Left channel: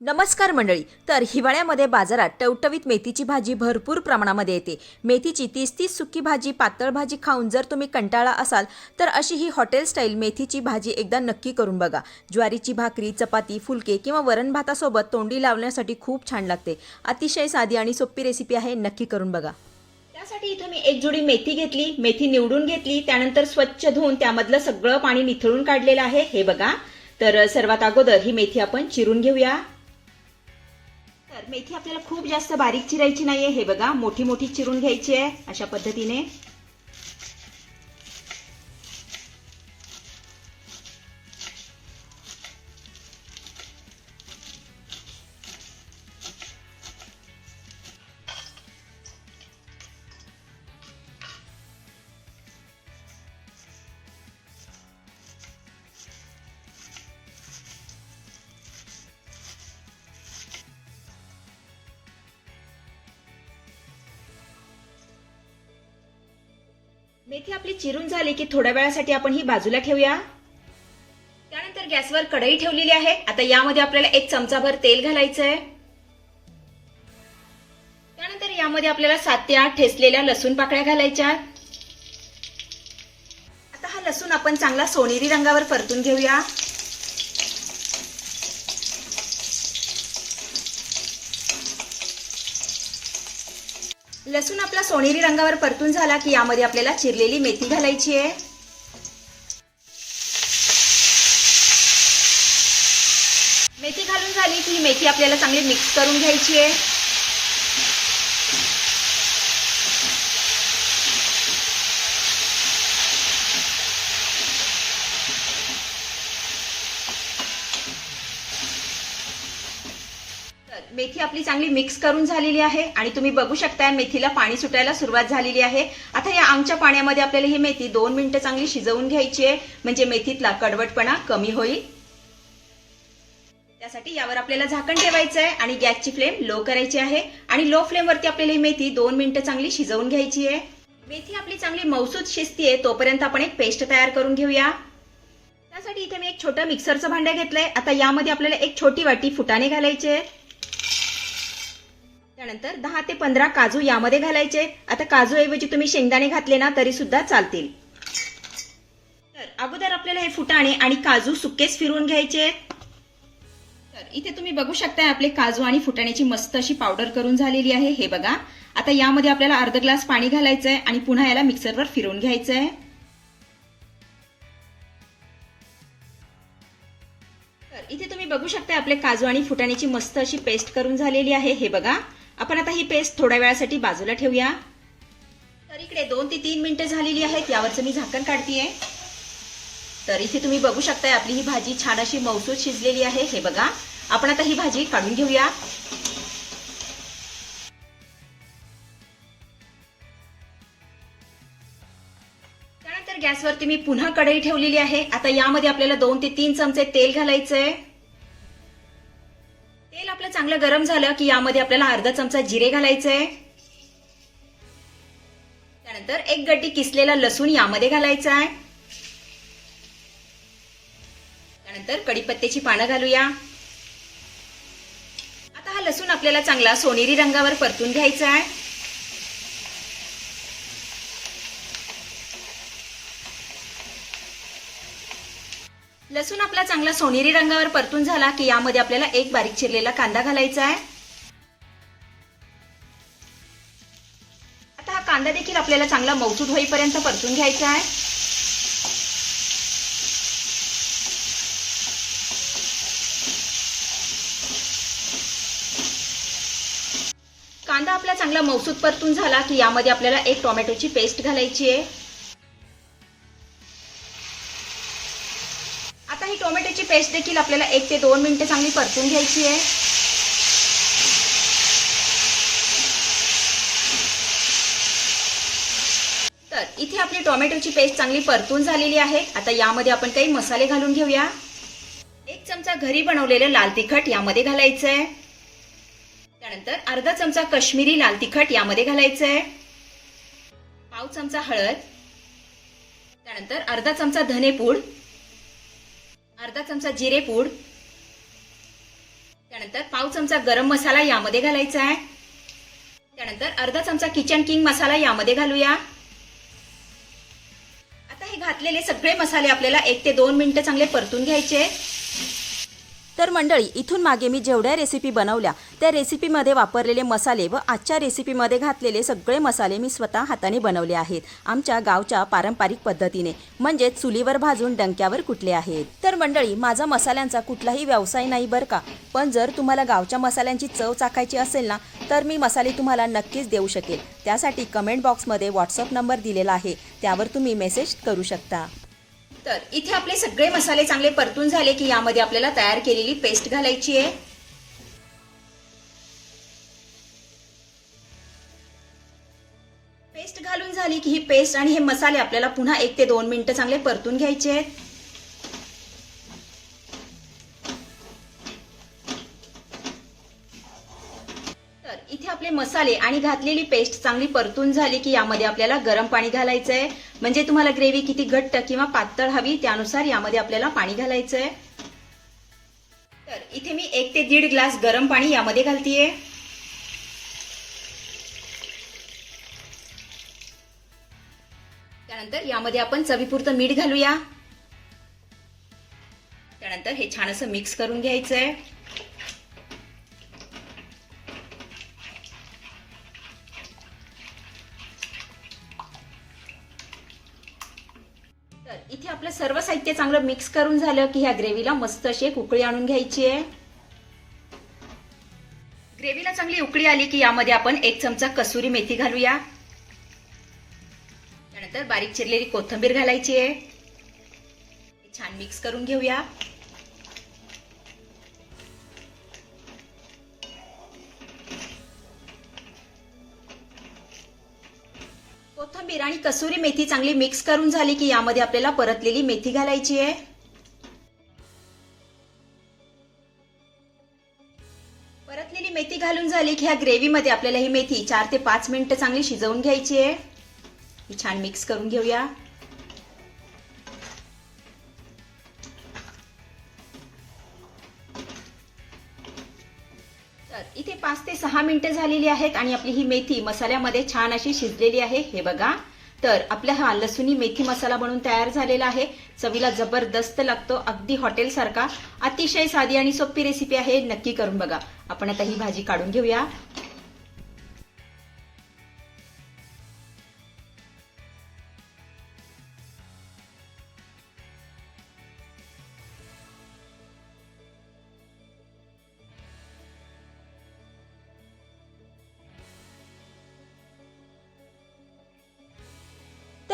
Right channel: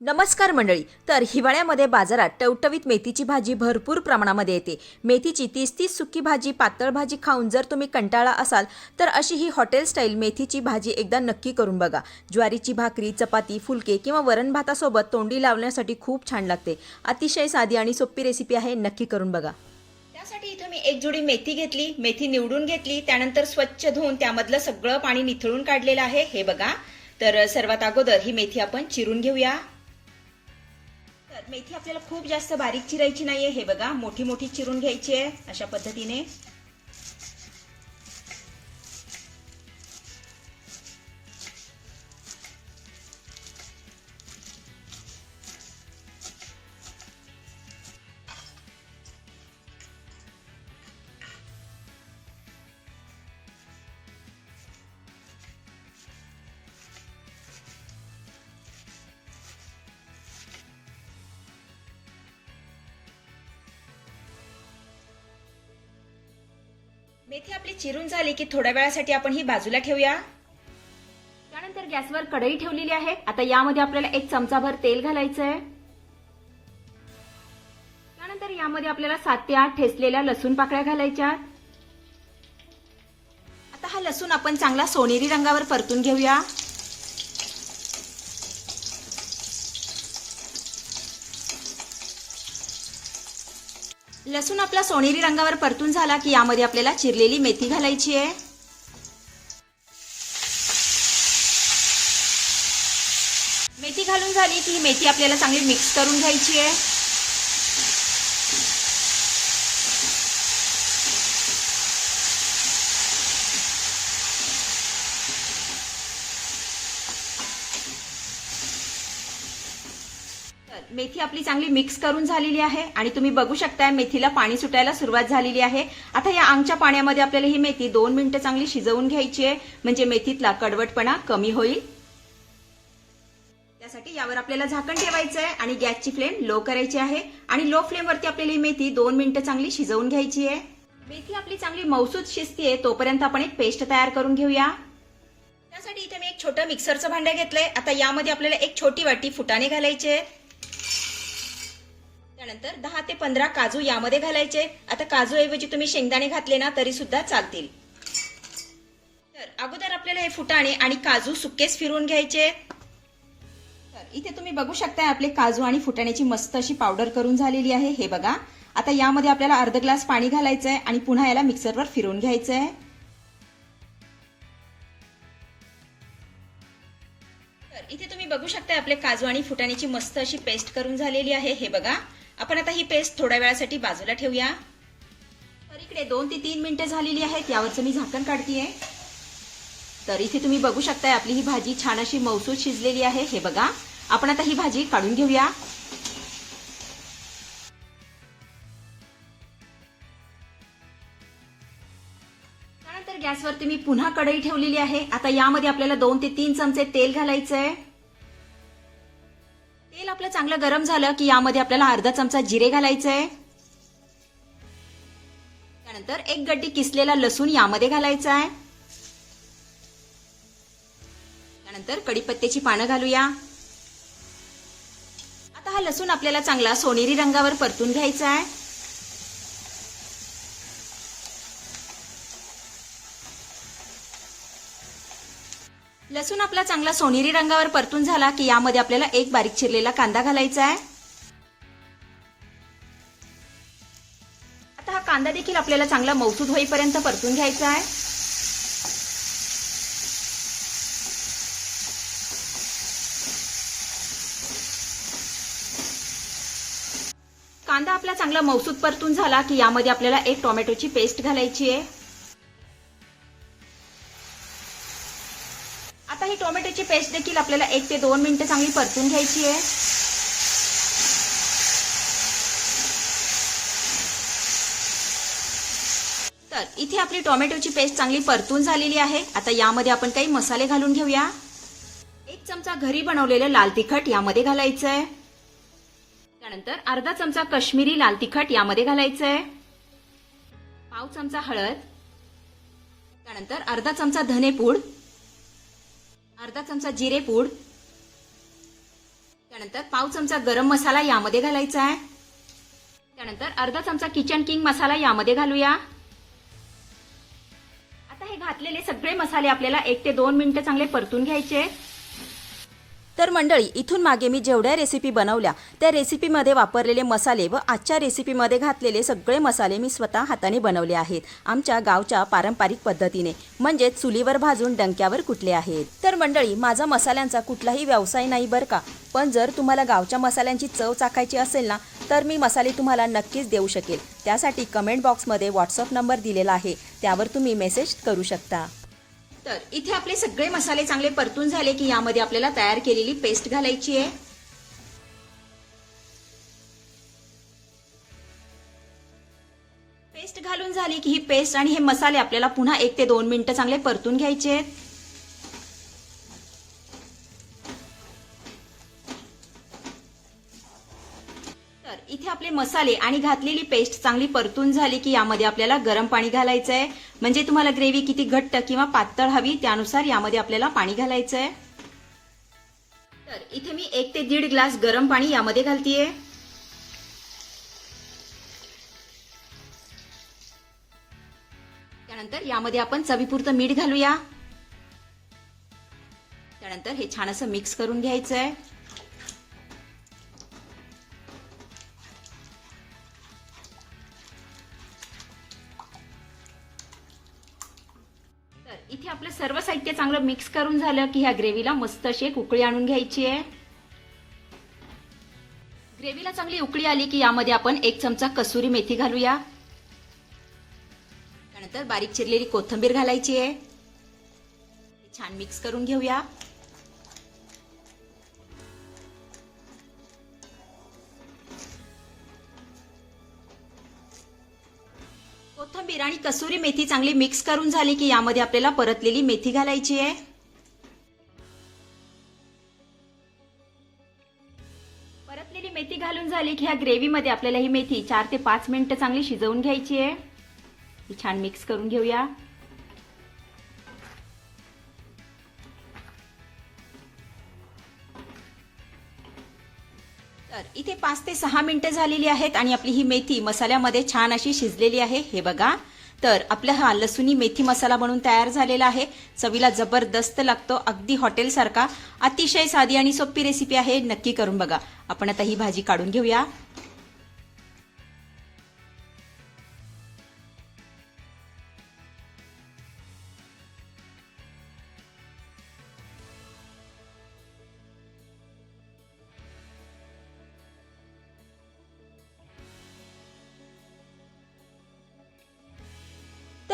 नमस्कार मंडळी. तर हिवाळ्यामध्ये बाजारात टवटवीत मेथीची भाजी भरपूर प्रमाणामध्ये येते. मेथीची तीस तीस सुकी भाजी पातळ भाजी खाऊन जर तुम्ही कंटाळा असाल तर अशी ही हॉटेल स्टाईल मेथीची भाजी एकदा नक्की करून बघा. ज्वारीची भाकरी चपाती फुलके किंवा वरण भातासोबत तोंडी लावण्यासाठी खूप छान लागते. अतिशय साधी आणि सोपी रेसिपी आहे नक्की करून बघा. त्यासाठी इथं मी एक जुडी मेथी घेतली मेथी निवडून घेतली त्यानंतर स्वच्छ धुवून त्यामधलं सगळं पाणी निथळून काढलेलं आहे हे बघा. तर सर्वात अगोदर ही मेथी आपण चिरून घेऊया. मेथी आपल्याला खूप जास्त बारीक चिरायची नाहीये. हे बघा मोठी मोठी चिरून घ्यायची आहे अशा पद्धतीने. मेथी आपली चिरून झाली की थोड्या वेळासाठी आपण ही बाजूला ठेवूया. त्यानंतर गॅसवर कढई ठेवलेली आहे. आता यामध्ये आपल्याला एक चमचाभर तेल घालायचं आहे त्यानंतर यामध्ये आपल्याला सात ते आठ ठेचलेल्या लसूण पाकळ्या घालायच्या. आता हा लसूण आपण चांगला सोनेरी रंगावर परतून घेऊया. लसूण आपला सोनेरी रंगावर परतून झाला की यामध्ये आपल्याला चिरलेली मेथी घालायची आहे. मेथी घालून झाली की मेथी आपल्याला चांगली मिक्स करून घ्यायची आहे. मेथी आपली चांगली मिक्स करून झालेली आहे आणि तुम्ही बघू शकताय मेथीला पाणी सुटायला सुरुवात झालेली आहे. आता या आमच्या पाण्यामध्ये आपल्याला ही मेथी दोन मिनिटं चांगली शिजवून घ्यायची आहे. म्हणजे मेथीतला कडवटपणा कमी होईल. त्यासाठी यावर आपल्याला झाकण ठेवायचं आहे आणि गॅसची फ्लेम लो करायची आहे. आणि लो फ्लेमवरती आपल्याला ही मेथी दोन मिनिटं चांगली शिजवून घ्यायची आहे. मेथी आपली चांगली मौसूद शिजतीये तोपर्यंत आपण एक पेस्ट तयार करून घेऊया. त्यासाठी इथे मी एक छोटं मिक्सरचं भांड्या घेतलंय. आता यामध्ये आपल्याला एक छोटी वाटी फुटाणे घालायचे आहेत. त्यानंतर दहा ते पंधरा काजू यामध्ये घालायचे. आता काजू ऐवजी तुम्ही शेंगदाणे घातले ना तरी सुद्धा चालतील. तर अगोदर आपल्याला हे फुटाणे आणि काजू सुकेच फिरवून घ्यायचे. तर इथे तुम्ही बघू शकताय आपले काजू आणि फुटाण्याची मस्त अशी पावडर करून झालेली आहे. हे बघा. आता यामध्ये आपल्याला अर्ध ग्लास पाणी घालायचं आहे आणि पुन्हा याला मिक्सरवर फिरवून घ्यायचं आहे तर इथे तुम्ही बघू शकता आपले काजू आणि फुटाण्याची मस्त अशी पेस्ट करून झालेली आहे. हे बघा. आपण आता ही पेस्ट थोड्या वेळासाठी बाजूला ठेवूया. तर इकडे दोन ते तीन मिनिटं झालेली आहेत यावरचं मी झाकण काढतीये. तर इथे तुम्ही बघू शकताय आपली ही भाजी छान अशी मौसूद शिजलेली आहे. हे बघा आपण आता ही भाजी काढून घेऊया. त्यानंतर गॅसवरती मी पुन्हा कढई ठेवलेली आहे. आता यामध्ये आपल्याला दोन ते तीन चमचे तेल घालायचं आहे आपलं चांगलं गरम झालं की यामध्ये आपल्याला अर्धा चमचा जिरे घालायचं आहे त्यानंतर एक गड्डी किसलेला लसूण यामध्ये घालायचा आहे त्यानंतर कडीपत्त्याची पानं घालूया. आता हा लसूण आपल्याला चांगला सोनेरी रंगावर परतून घ्यायचा आहे लसूण आपला चांगला सोनेरी रंगावर परतून झाला की यामध्ये आपल्याला एक बारीक चिरलेला कांदा घालायचा आहे. आता हा कांदा देखील आपल्याला चांगला मौजूद होईपर्यंत परतून घ्यायचा आहे. कांदा आपला चांगला मौसूद परतून झाला की यामध्ये आपल्याला एक टोमॅटोची पेस्ट घालायची आहे. आपल्याला एक ते दोन मिनिटं चांगली परतून घ्यायची आहे. तर इथे आपली टोमॅटोची पेस्ट चांगली परतून झालेली आहे. आता यामध्ये आपण काही मसाले घालून घेऊया. एक चमचा घरी बनवलेलं लाल तिखट यामध्ये घालायचं आहे त्यानंतर अर्धा चमचा कश्मीरी लाल तिखट यामध्ये घालायचं आहे पाव चमचा हळद. त्यानंतर अर्धा चमचा धनेपूड. अर्धा चमचा जिरेपूड त्यानंतर पाव चमचा गरम मसाला यामध्ये घालायचा आहे. त्यानंतर अर्धा चमचा किचन किंग मसाला यामध्ये घालूया. आता हे घातलेले सगळे मसाले आपल्याला एक ते दोन मिनिटं चांगले परतून घ्यायचे. तर मंडळी इथून मागे मी जेवढ्या रेसिपी बनवल्या त्या रेसिपीमध्ये वापरलेले मसाले व आजच्या रेसिपीमध्ये घातलेले सगळे मसाले मी स्वतः हाताने बनवले आहेत आमच्या गावच्या पारंपरिक पद्धतीने म्हणजेच चुलीवर भाजून डंक्यावर कुटले आहेत. तर मंडळी माझा मसाल्यांचा कुठलाही व्यवसाय नाही बरं का पण जर तुम्हाला गावच्या मसाल्यांची चव चाकायची असेल ना तर मी मसाले तुम्हाला नक्कीच देऊ शकेल. त्यासाठी कमेंट बॉक्समध्ये व्हॉट्सअप नंबर दिलेला आहे त्यावर तुम्ही मेसेज करू शकता. तर इथे आपले सगळे मसाले चांगले परतून झाले की यामध्ये आपल्याला तयार केलेली पेस्ट घालायची आहे. पेस्ट घालून झाली की ही पेस्ट आणि हे मसाले आपल्याला पुन्हा एक ते दोन मिनिटं चांगले परतून घ्यायचे आहेत. तर इथे आपले मसाले आणि घातलेली पेस्ट चांगली परतून झाली की यामध्ये आपल्याला गरम पाणी घालायचं आहे म्हणजे तुम्हाला ग्रेव्ही किती घट्ट किंवा पातळ हवी त्यानुसार यामध्ये आपल्याला पाणी घालायचं आहे तर इथे मी एक ते दीड ग्लास गरम पाणी यामध्ये घालतीये. त्यानंतर यामध्ये आपण चवीपुरतं मीठ घालूया. त्यानंतर हे छान असं मिक्स करून घ्यायचं आहे साहित्य चांगलं मिक्स करून झालं की ह्या ग्रेव्हीला मस्त अशी एक उकळी आणून घ्यायची आहे. ग्रेव्हीला चांगली उकळी आली की यामध्ये आपण एक चमचा कसुरी मेथी घालूया. त्यानंतर बारीक चिरलेली कोथिंबीर घालायची आहे. छान मिक्स करून घेऊया. कोथिंबीर आणि कसुरी मेथी चांगली मिक्स करून झाली की यामध्ये आपल्याला परतलेली मेथी घालायची आहे. परतलेली मेथी घालून झाली की ह्या ग्रेव्हीमध्ये आपल्याला ही मेथी चार ते पाच मिनिटं चांगली शिजवून घ्यायची आहे. ही छान मिक्स करून घेऊया. सहा मिनिटं झालेली आहेत आणि आपली ही मेथी मसाल्यामध्ये छान अशी शिजलेली आहे. हे बघा. तर आपला हा लसुनी मेथी मसाला बनून तयार झालेला आहे. चवीला जबरदस्त लागतो. अगदी हॉटेलसारखा अतिशय साधी आणि सोपी रेसिपी आहे. नक्की करून बघा. आपण आता ही भाजी काढून घेऊया.